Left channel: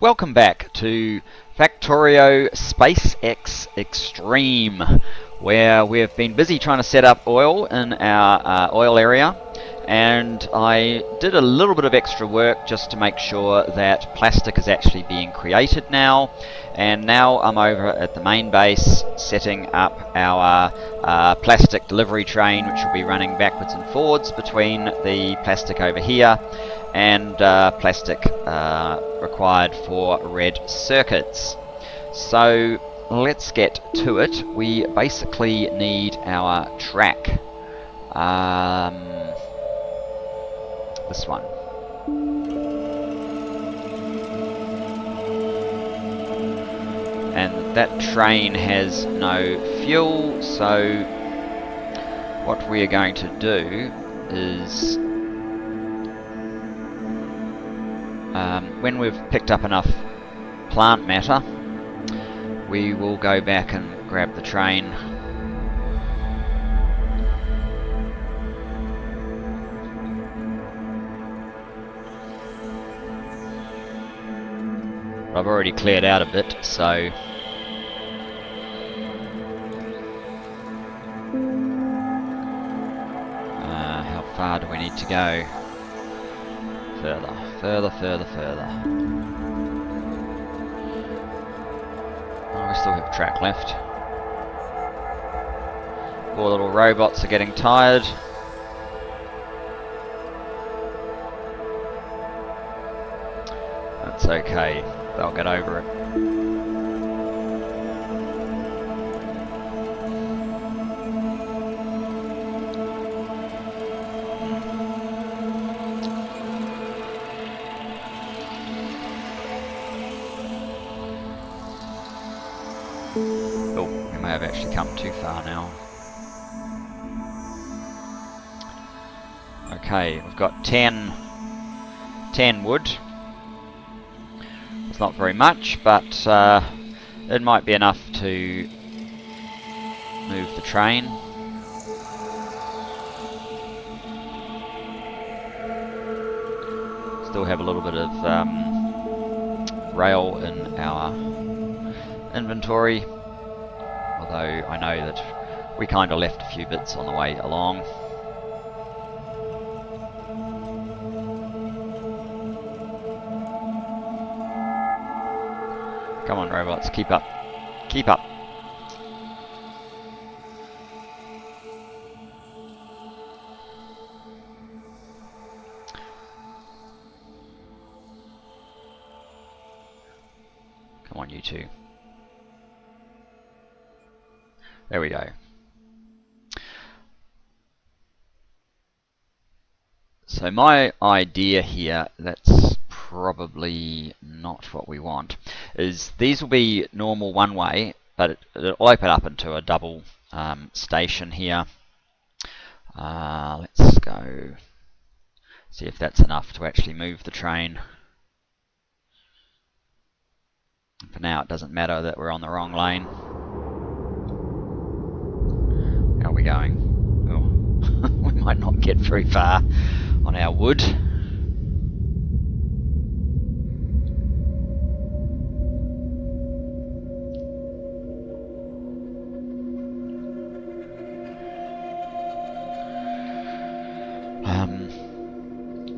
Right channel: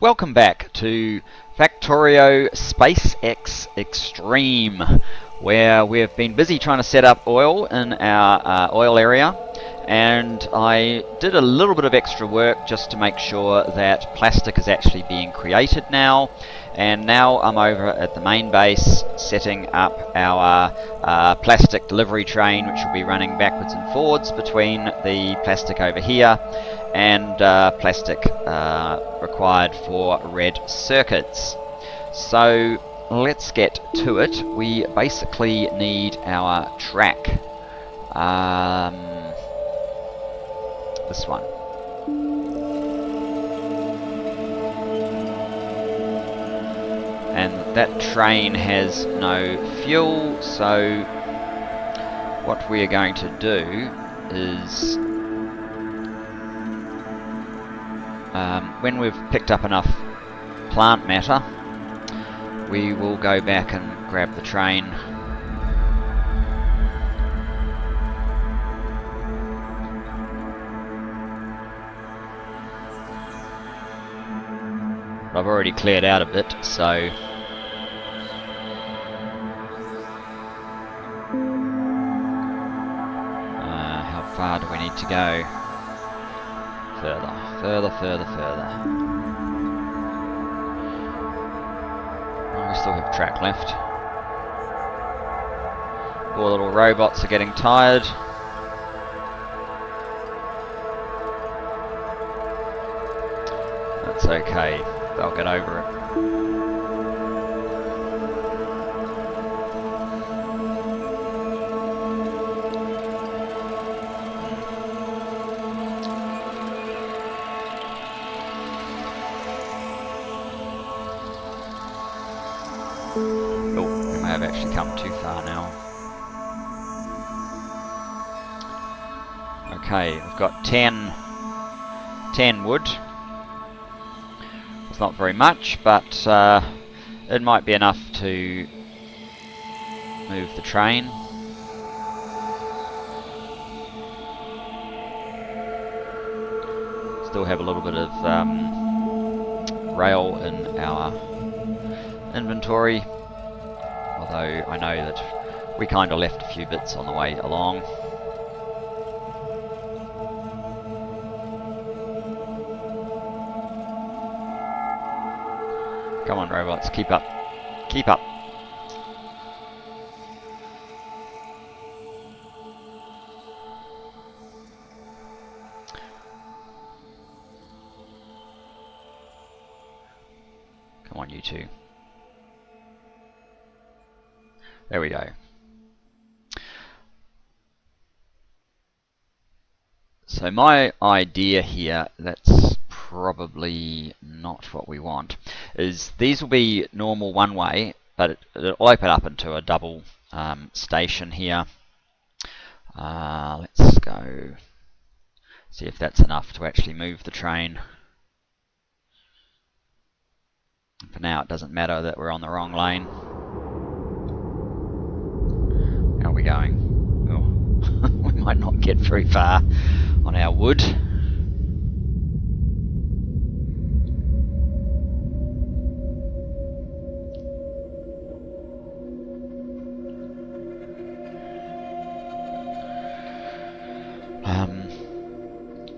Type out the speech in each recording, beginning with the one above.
Welcome back to Factorio SpaceX Extreme, where we've been busy trying to set up oil in our oil area, and I did a little bit of extra work just to make sure that plastic is actually being created now. And now I'm over at the main base setting up our plastic delivery train, which will be running backwards and forwards between the plastic over here and plastic required for red circuits. So let's get to it. We basically need our track. This one. And that train has no fuel, so what we are going to do is when we've picked up enough plant matter, we will go back and grab the train. I've already cleared out a bit, so how far do we need to go? Further, further, further, further. Oh, we still have track left. Poor little robots are getting tired. That's okay, they'll get over it. Oh, we may have actually come too far now. Okay, we've got 10 wood. It's not very much, but it might be enough to move the train. Still have a little bit of rail in our inventory, although I know that we kind of left a few bits on the way along. Come on, robots, keep up. Keep up. Come on, you two. There we go. So my idea here, that's probably not what we want, is these will be normal one way, but it'll open up into a double station here. Let's go see if that's enough to actually move the train. For now it doesn't matter that we're on the wrong lane. How are we going? Oh, we might not get very far on our wood.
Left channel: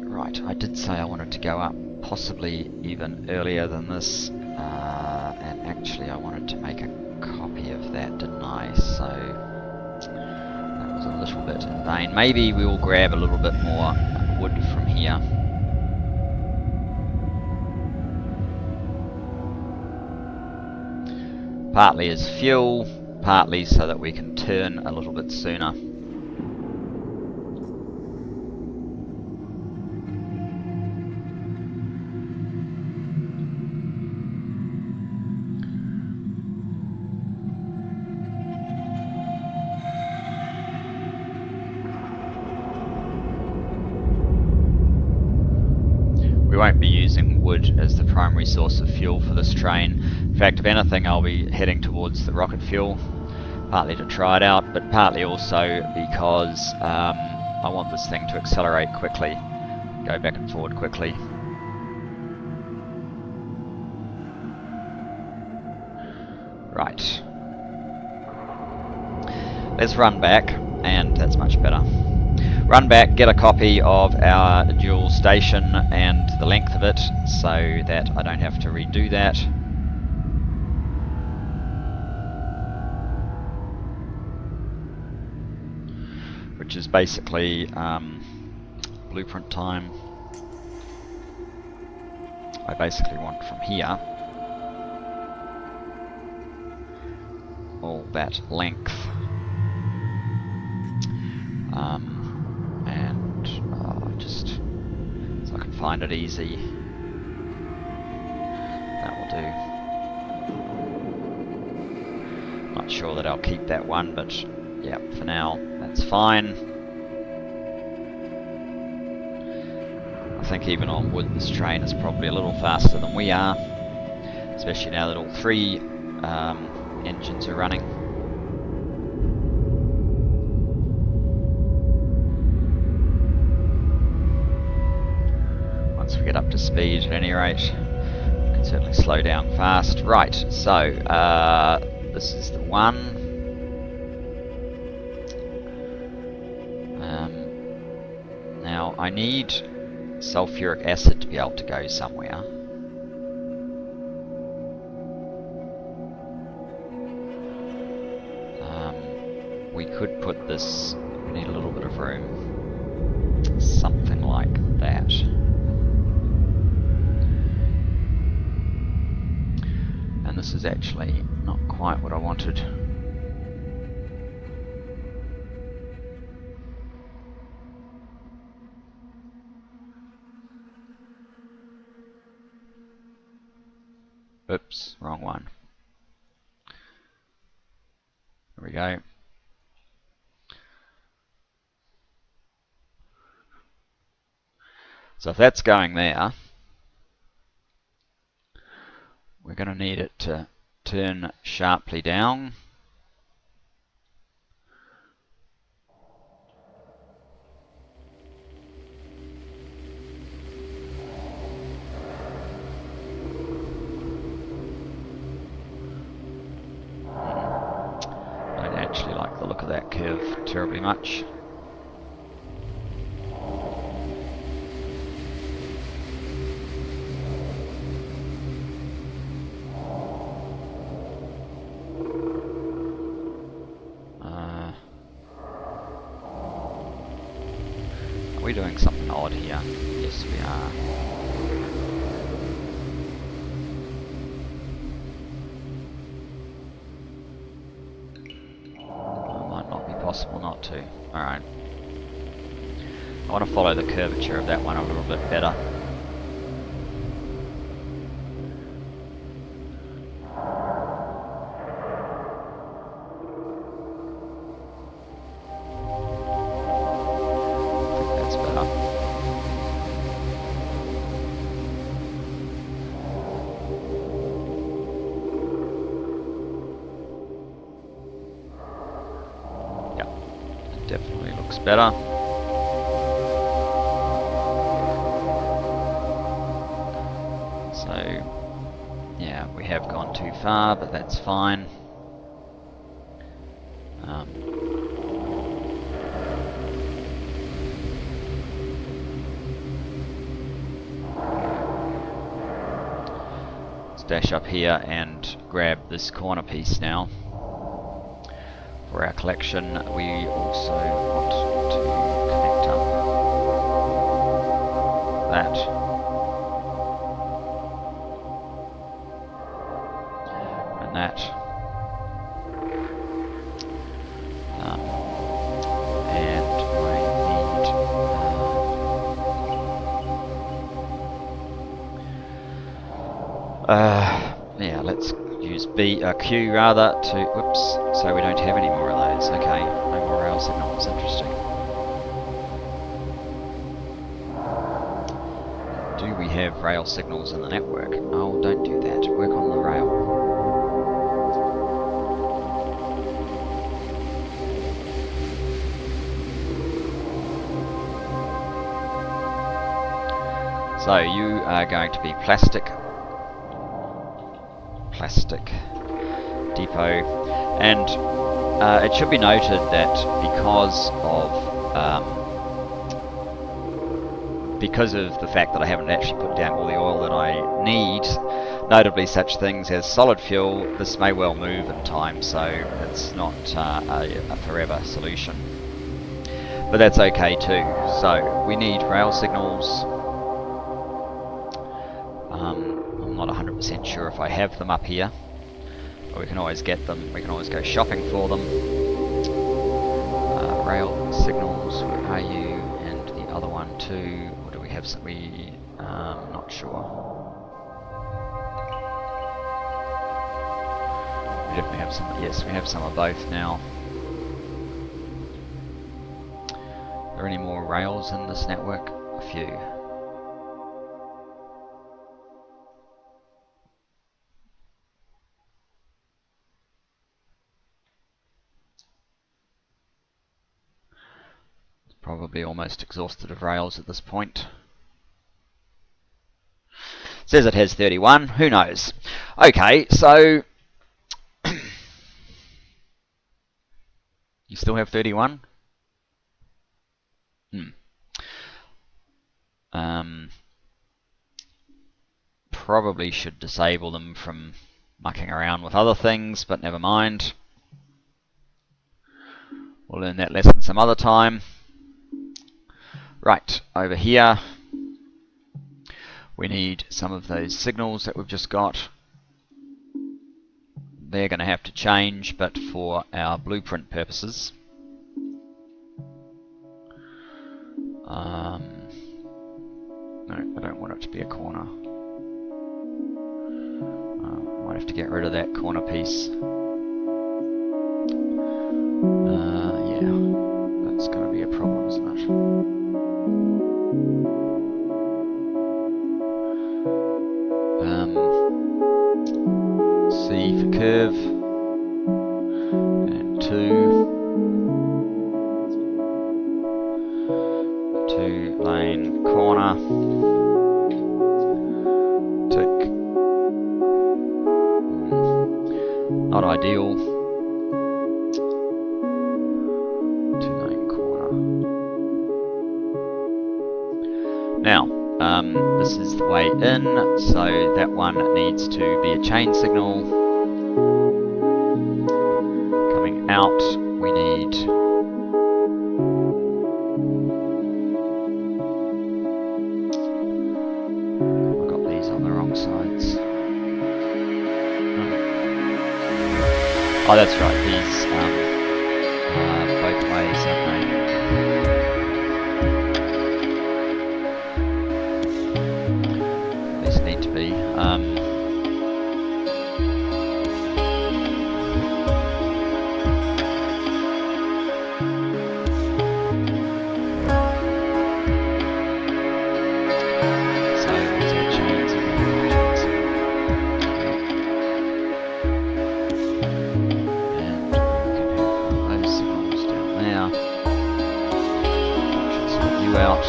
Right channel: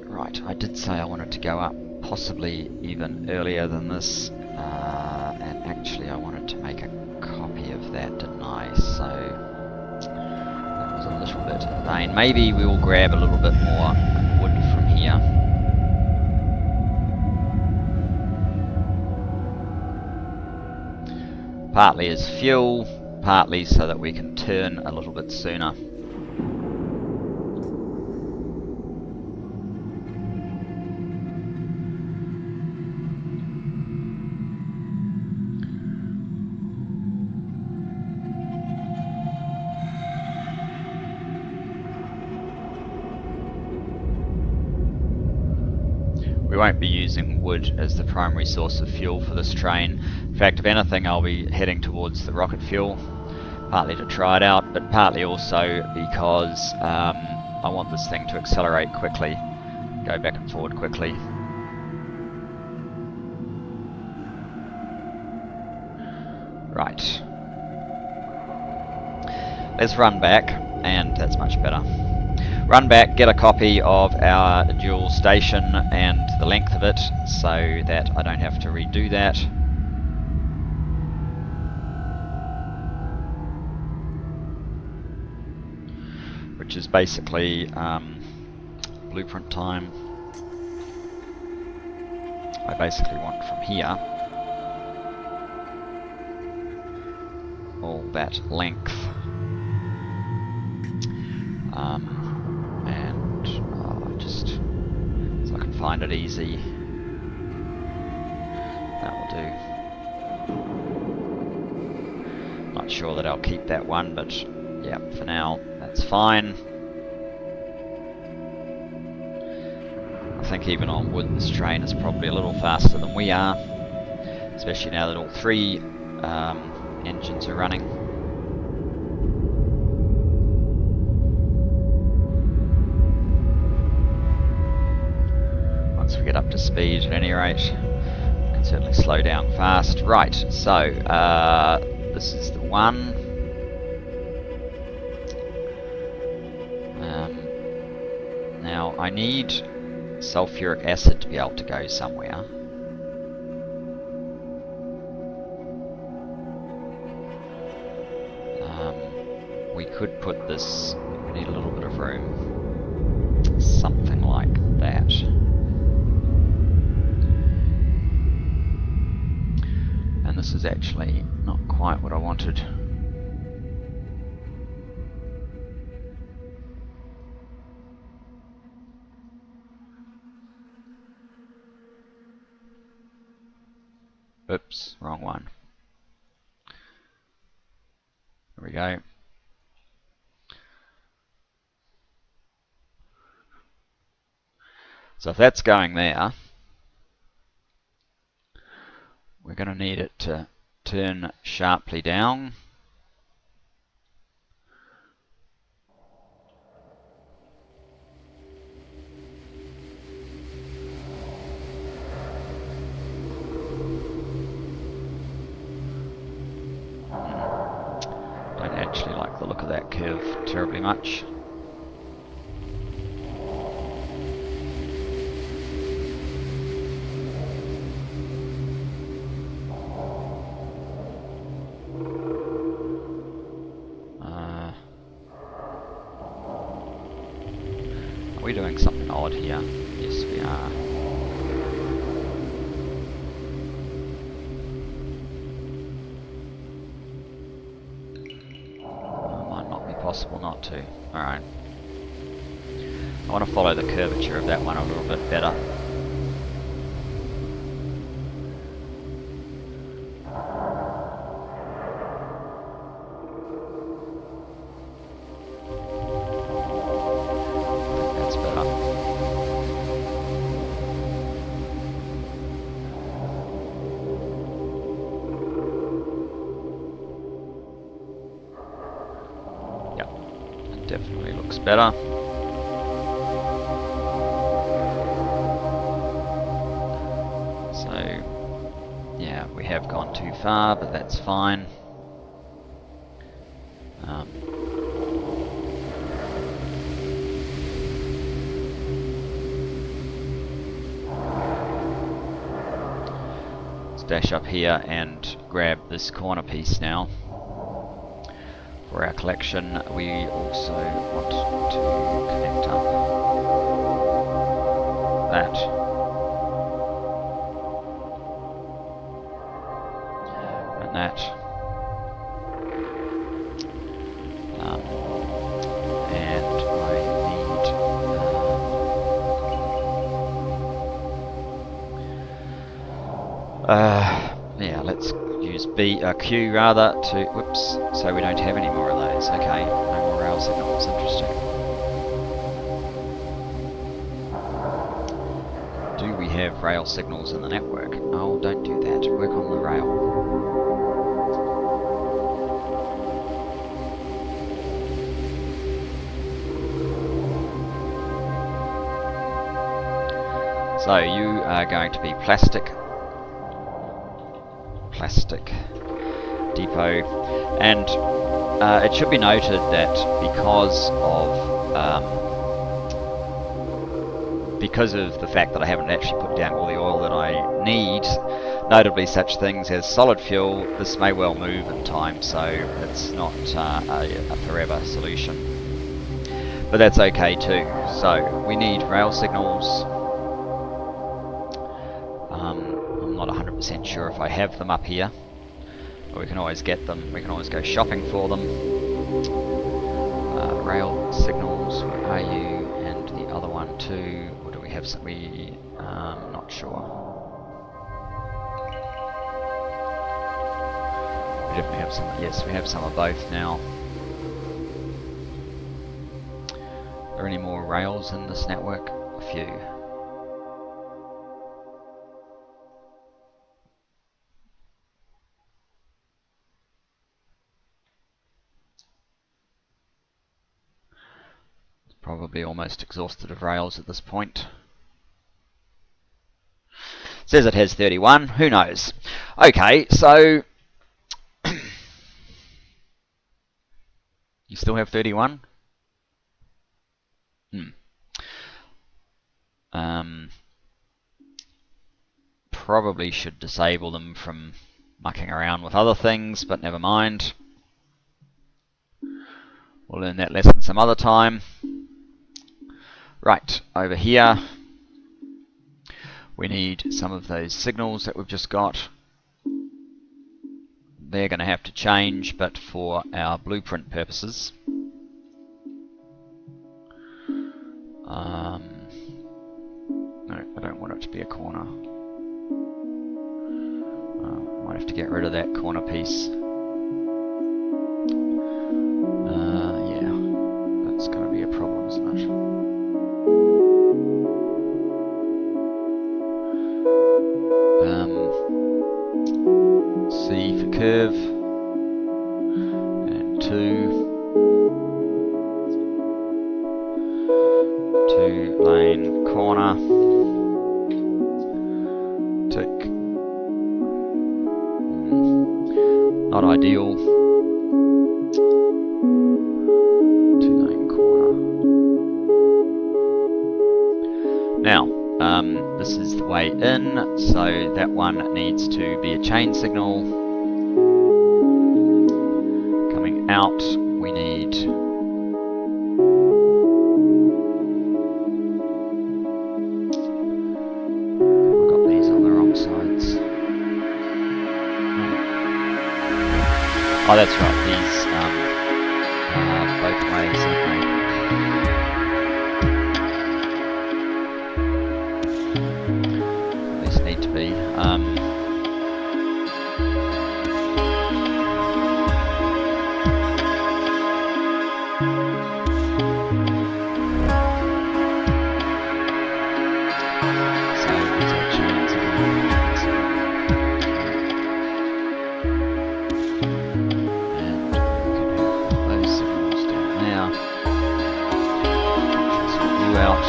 Right, I did say I wanted to go up possibly even earlier than this, and actually I wanted to make a copy of that, didn't I? So that was a little bit in vain. Maybe we will grab a little bit more wood from here. Partly as fuel, partly so that we can turn a little bit sooner. We won't be using wood as the primary source of fuel for this train. In fact, if anything, I'll be heading towards the rocket fuel, partly to try it out, but partly also because I want this thing to accelerate quickly, go back and forward quickly. Right. Let's run back, and that's much better. Run back, get a copy of our dual station and the length of it, so that I don't have to redo that. Which is basically blueprint time. I basically want from here all that length. And just so I can find it easy. That will do. Not sure that I'll keep that one, but yeah, for now that's fine. I think even on wood this train is probably a little faster than we are, especially now that all three engines are running. Once we get up to speed, at any rate, we can certainly slow down fast. Right, so this is the one. Now I need sulfuric acid to be able to go somewhere. We could put this, we need a little bit of room, something like that. And this is actually not quite what I wanted. Oops, wrong one. There we go. So if that's going there, we're going to need it to turn sharply down. Don't actually like the look of that curve terribly much. Are we doing something odd here? Yes, we are. Might not be possible not to. Alright. I want to follow the curvature of that one a little bit better. Definitely looks better. So, yeah, we have gone too far, but that's fine. Let's dash up here and grab this corner piece now. For our collection, we also want to connect up that. And that. And I need... yeah, let's use Q rather to, whoops, so we don't have any more of those. Okay, no more rail signals, interesting. Do we have rail signals in the network? Oh, don't do that, work on the rail. So you are going to be plastic depot. And it should be noted that because of the fact that I haven't actually put down all the oil that I need, notably such things as solid fuel, this may well move in time, so it's not a forever solution. But that's okay too. So we need rail signals. I'm not 100% sure if I have them up here, but we can always get them. We can always go shopping for them. Rail signals, where are you? And the other one too. Or do we have some? Not sure. We definitely have some. Yes, we have some of both now. Are there any more rails in this network? A few. Probably almost exhausted of rails at this point. Says it has 31. Who knows? Okay, so you still have 31? Probably should disable them from mucking around with other things, but never mind. We'll learn that lesson some other time. Right, over here we need some of those signals that we've just got. They're going to have to change, but for our blueprint purposes. No, I don't want it to be a corner. Might have to get rid of that corner piece. Yeah, that's going to be a problem, isn't it? C for curve, and 2 lane corner, tick. Not ideal. 2 lane corner. Now, this is the way in, so that one needs to be a chain signal. Coming out, we need I've got these on the wrong sides. Oh, that's right, these both ways, aren't they? Need to be. So there's our chains again. And we can have those signals down there. That should sort you out.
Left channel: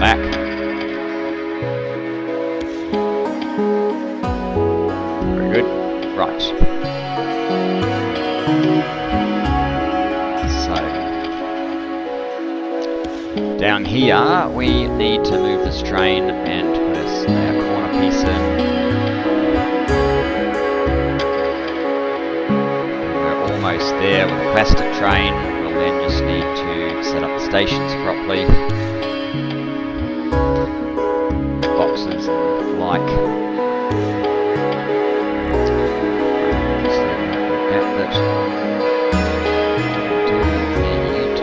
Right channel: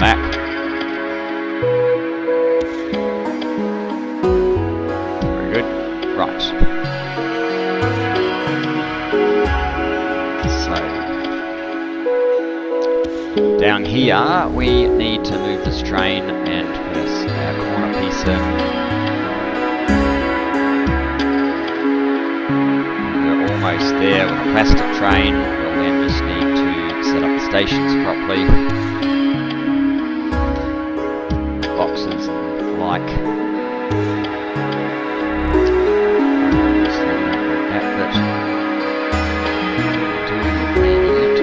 Back. Very good. Right. So, down here we need to move this train and put our corner piece in. And we're almost there with a plastic train. We'll then just need to set up the stations properly. Boxes and like. Obviously, we don't need that bit. We do need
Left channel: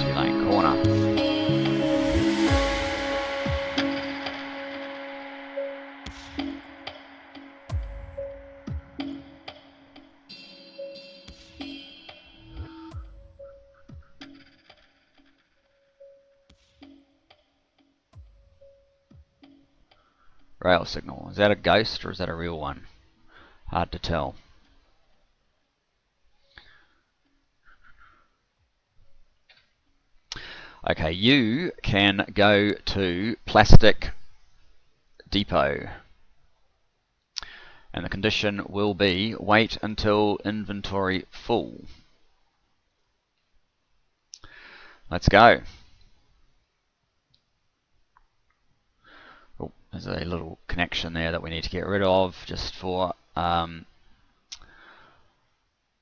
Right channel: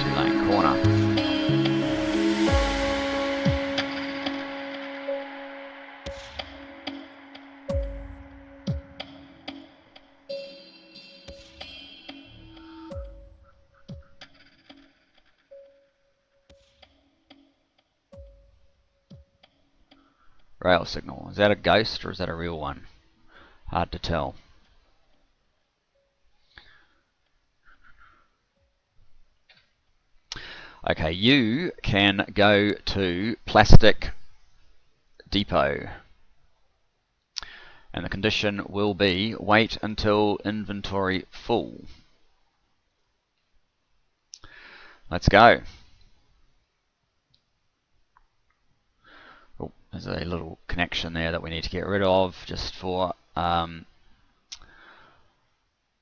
2 lane corner. Rail signal. Is that a ghost or is that a real one? Hard to tell. Okay, you can go to Plastic Depot. And the condition will be wait until inventory full. Let's go. Oh, there's a little connection there that we need to get rid of just for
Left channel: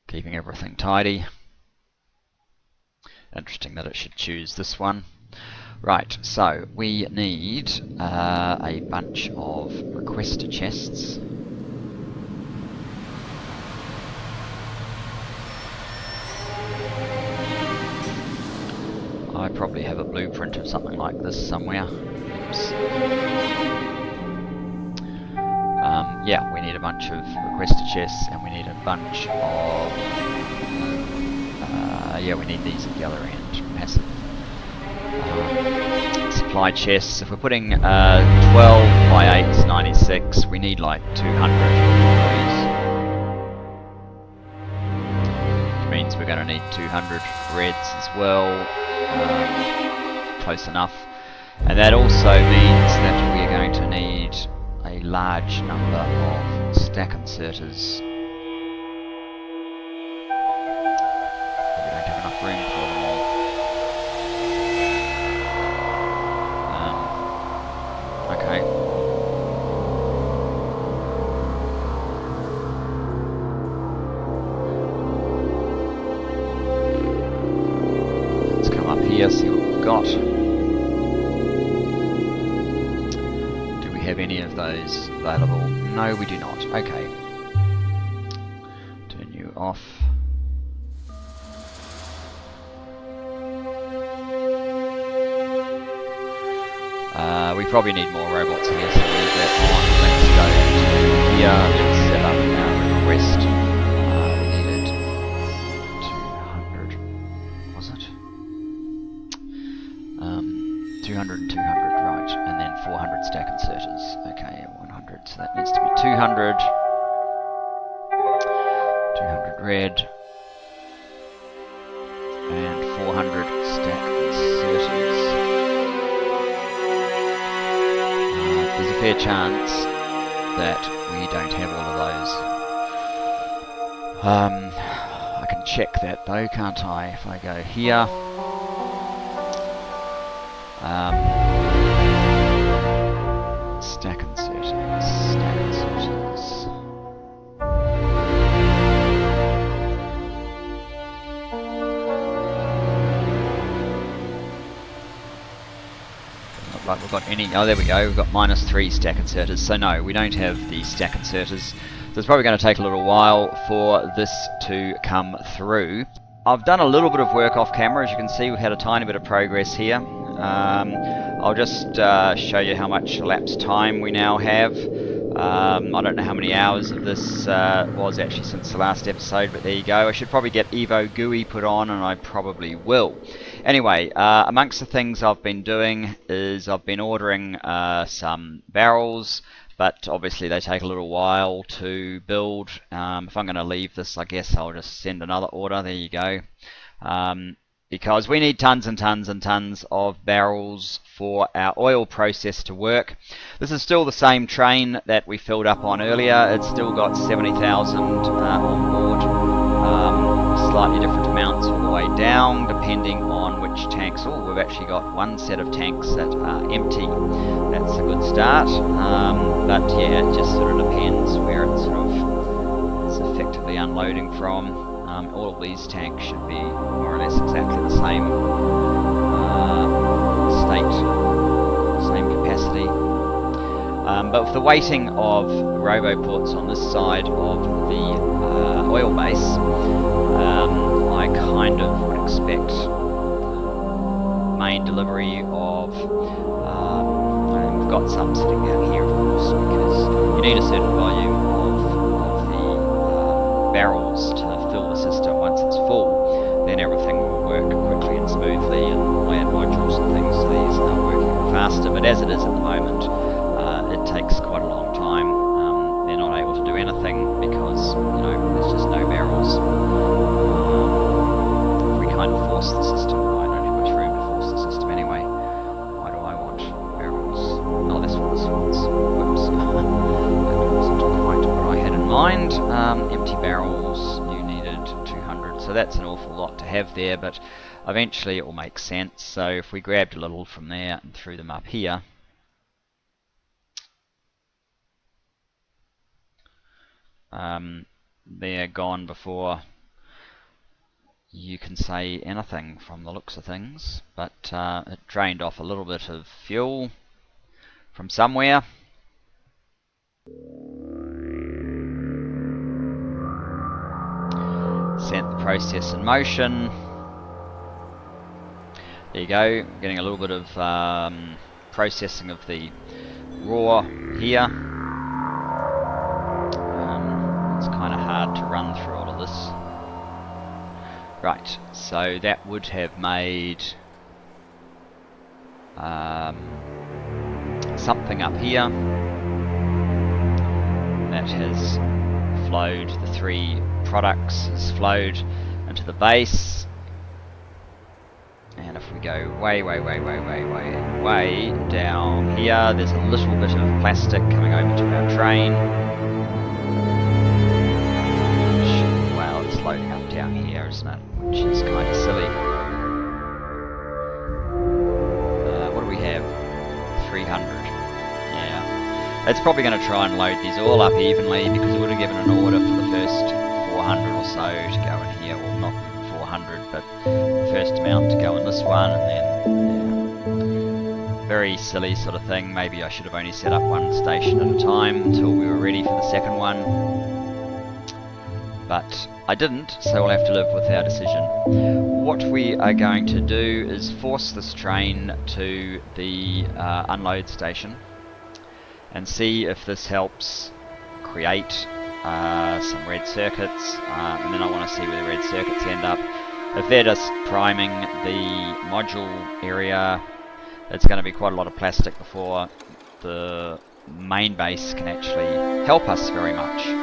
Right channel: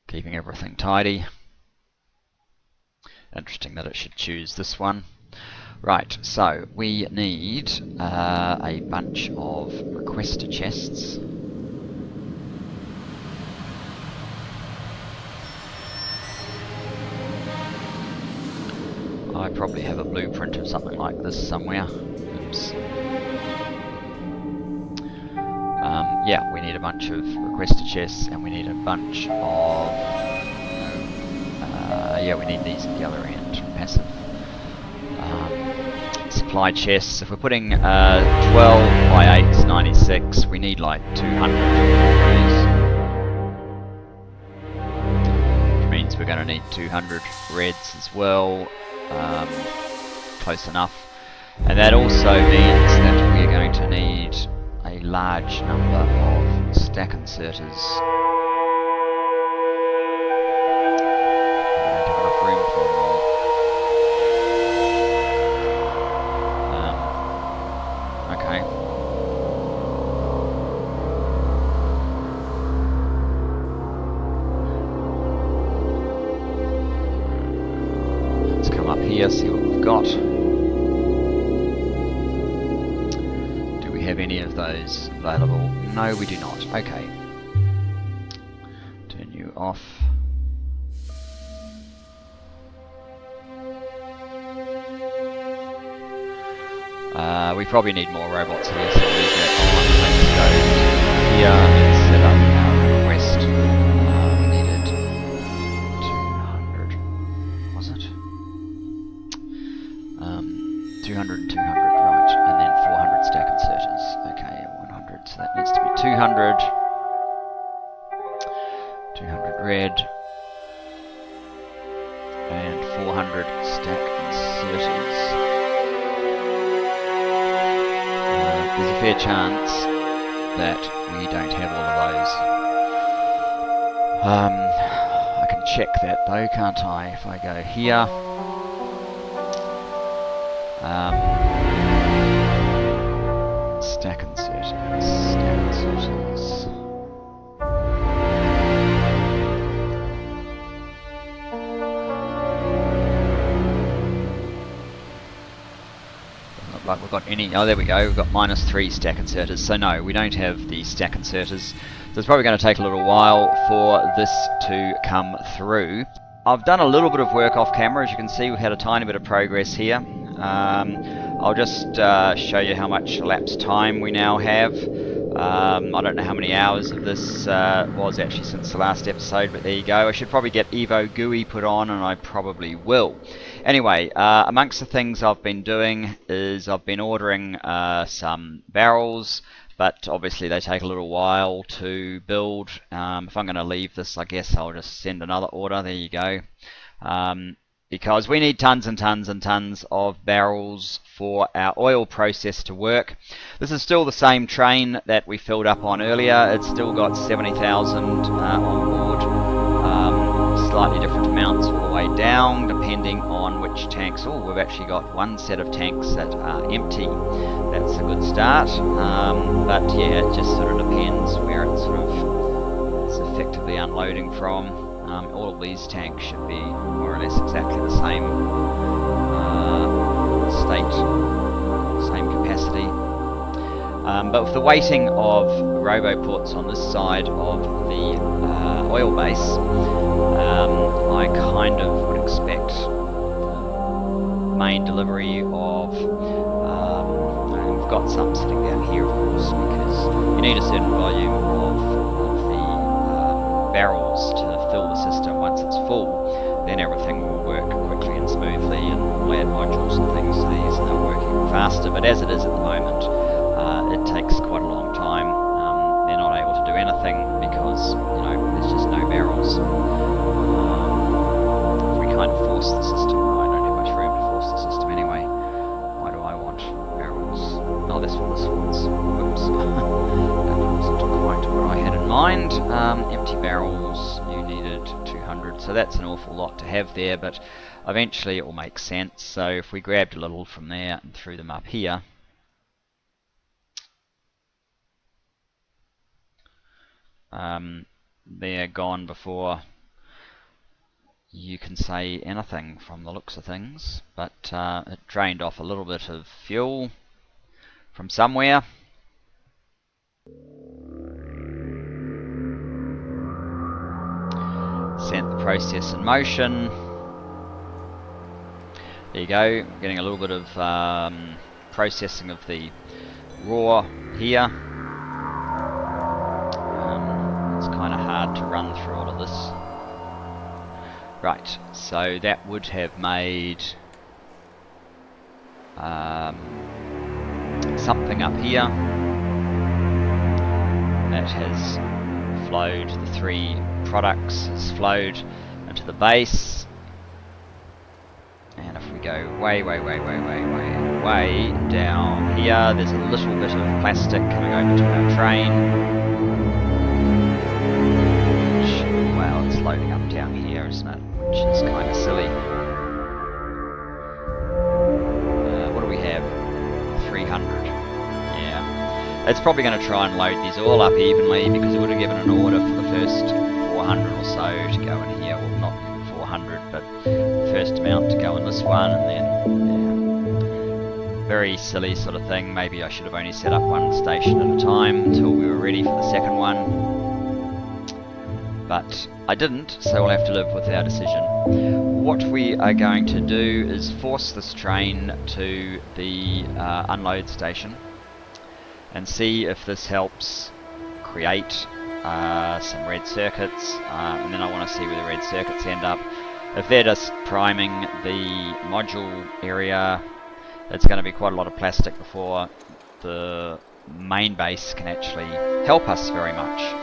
keeping everything tidy. Interesting that it should choose this one. Right, so we need a bunch of requester chests. I probably have a blueprint of something like this somewhere. Oops. Yeah, we need a bunch of requester chests, and we need a bunch of... yeah, we need these at the other end. Passive supply chests. If we're putting 12 by 8's 96, we need like 200 of those. Which means we're going to need 200 reds as well. Close enough. And that also means that we are going to need a large number of stack inserters. We don't have enough room for them all. Okay. Let's come up here, see what we've got. Do we have any of those available? No, we do not. Okay. Turn you off. We probably need more robots here, so we'll leave that on. Let's go to here. Let's set up our request. We needed 200. Was it? 200 and 200, right. And then 400 stack inserters. Okay, 100. So that needs to be 200. 200 red. And 400 stack inserters. There's a fair chance that we don't have all of those. I can check that though, can't I? If I go here, stack inserters, stack inserters. Like we've got any, oh there we go, we've got -3 stack inserters, so no, we don't have the stack inserters, so it's probably going to take a little while for this to come through. I've done a little bit of work off camera. As you can see, we've had a tiny bit of progress here. I'll just show you how much elapsed time we now have. I don't know how many hours of this was actually since the last episode, but there you go. I should probably get Evo GUI put on, and I probably will. Anyway, amongst the things I've been doing is I've been ordering some barrels, but obviously they take a little while to build. If I'm going to leave this, I guess I'll just send another order. There you go. Because we need tons and tons and tons of barrels for our oil process to work. This is still the same train that we filled up on earlier. It's still got 70,000 on board. Slightly different amounts all the way down, depending on which tanks. Oh, we've actually got one set of tanks that are empty. That's a good start. But yeah, it just sort of depends where it sort of is effectively unloading from. All of these tanks should be more or less exactly the same state, same capacity. But with the weighting of roboports on this side of the oil base, I kind of would expect the main delivery of, and we've got some sitting down here of course, because you need a certain volume of the barrels to fill the system. Once it's full, then everything will work quickly and smoothly, and we'll add modules and things to these and they'll work even faster. But as it is at the moment, it takes quite a long time. They're not able to do anything because barrels. If we kind of force the system, no, I don't have much room to force the system anyway. Why do I want barrels? Oh, that's what this wants. Whoops. That wasn't quite what I had in mind. Empty barrels, you needed 200, so that's an awful lot to have there, but eventually it will make sense. So if we grabbed a little from there and threw them up here, they're gone before you can say anything from the looks of things, but it drained off a little bit of fuel from somewhere. Sent the process in motion. There you go, getting a little bit of processing of the raw here. It's kind of hard to run through all of this. Right, so that would have made something up here. That has flowed, the 3 products has flowed into the base. And if we go way down here, there's a little bit of plastic coming over to our train. Which, well, it's loading up down here, isn't it? Which is kind of silly. What do we have? 300. Yeah. It's probably going to try and load these all up evenly, because it would have given an order for the first 400 or so to go in here. Well, not 400, but the first amount to go in this one, and then, yeah. Very silly sort of thing. Maybe I should have only set up one station at a time until we were ready for the second one. But I didn't, so we'll have to live with our decision. What we are going to do is force this train to the unload station and see if this helps create some red circuits, and then I want to see where the red circuits end up. If they're just priming the module area, it's going to be quite a lot of plastic before the main base can actually help us very much.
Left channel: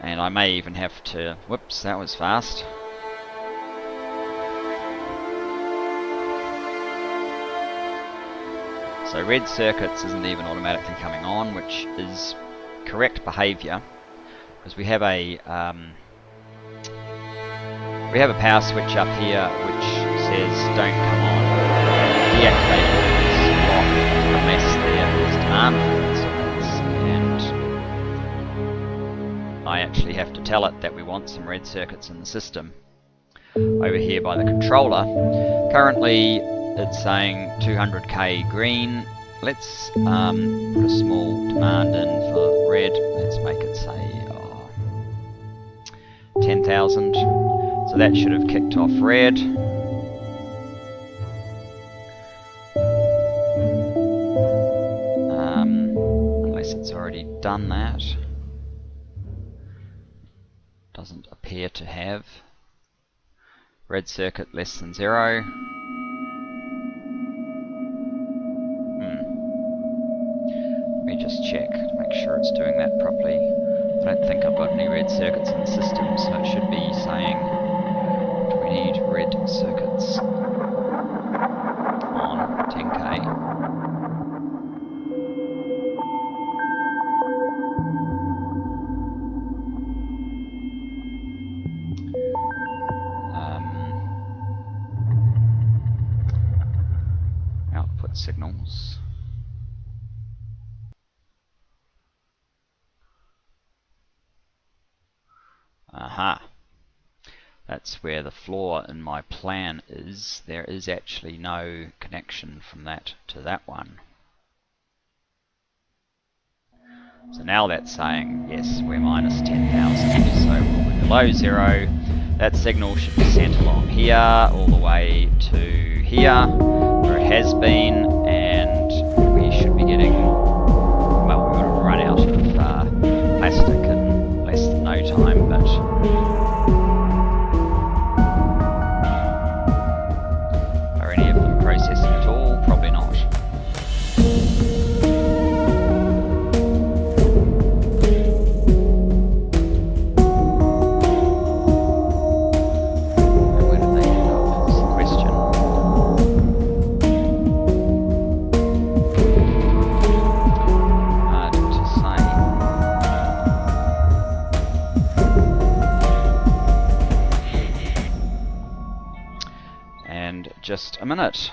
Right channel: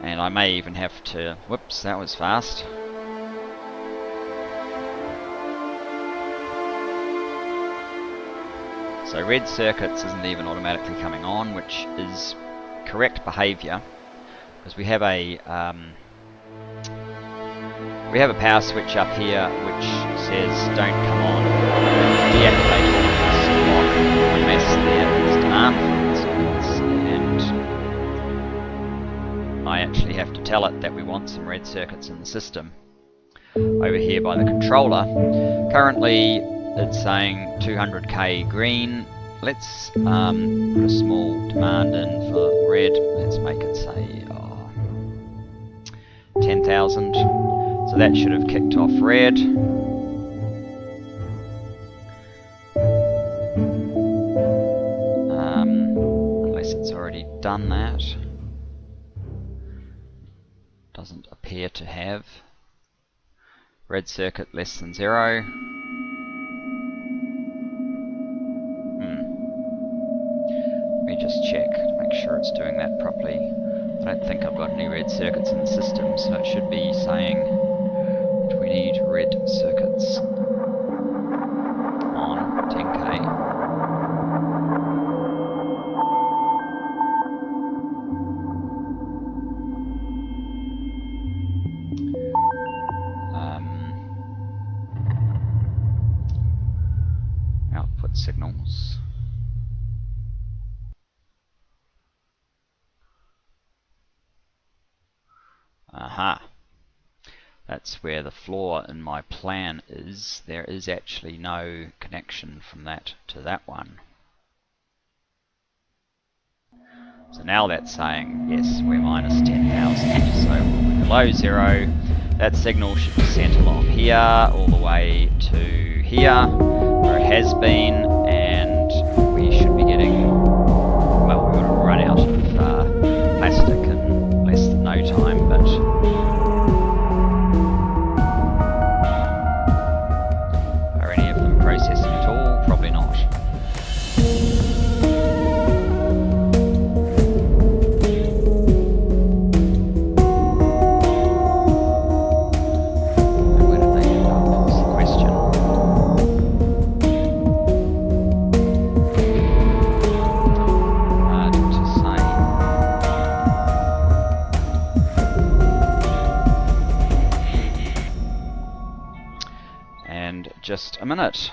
And I may even have to... Whoops, that was fast. So red circuits isn't even automatically coming on, which is correct behavior, because we have a power switch up here which says don't come on, deactivate all of this block unless there is demand for red circuits, and I actually have to tell it that we want some red circuits in the system. Over here by the controller, currently it's saying 200k green. Let's put a small demand in for red. Let's make it say 10,000. So that should have kicked off red. Unless it's already done that. Doesn't appear to have. Red circuit less than 0. Let me just check to make sure it's doing that properly. I don't think I've got any red circuits in the system, so it should be saying we need red circuits on 10k. Output signals. Aha. That's where the flaw in my plan is. There is actually no connection from that to that one. So now that's saying, yes, we're minus 10,000, so we'll be below 0. That signal should be sent along here, all the way to here, where it has been, and we should be getting, well, we would have run out of plastic in less than no time, but are any of them processing at all? Probably not. just a minute.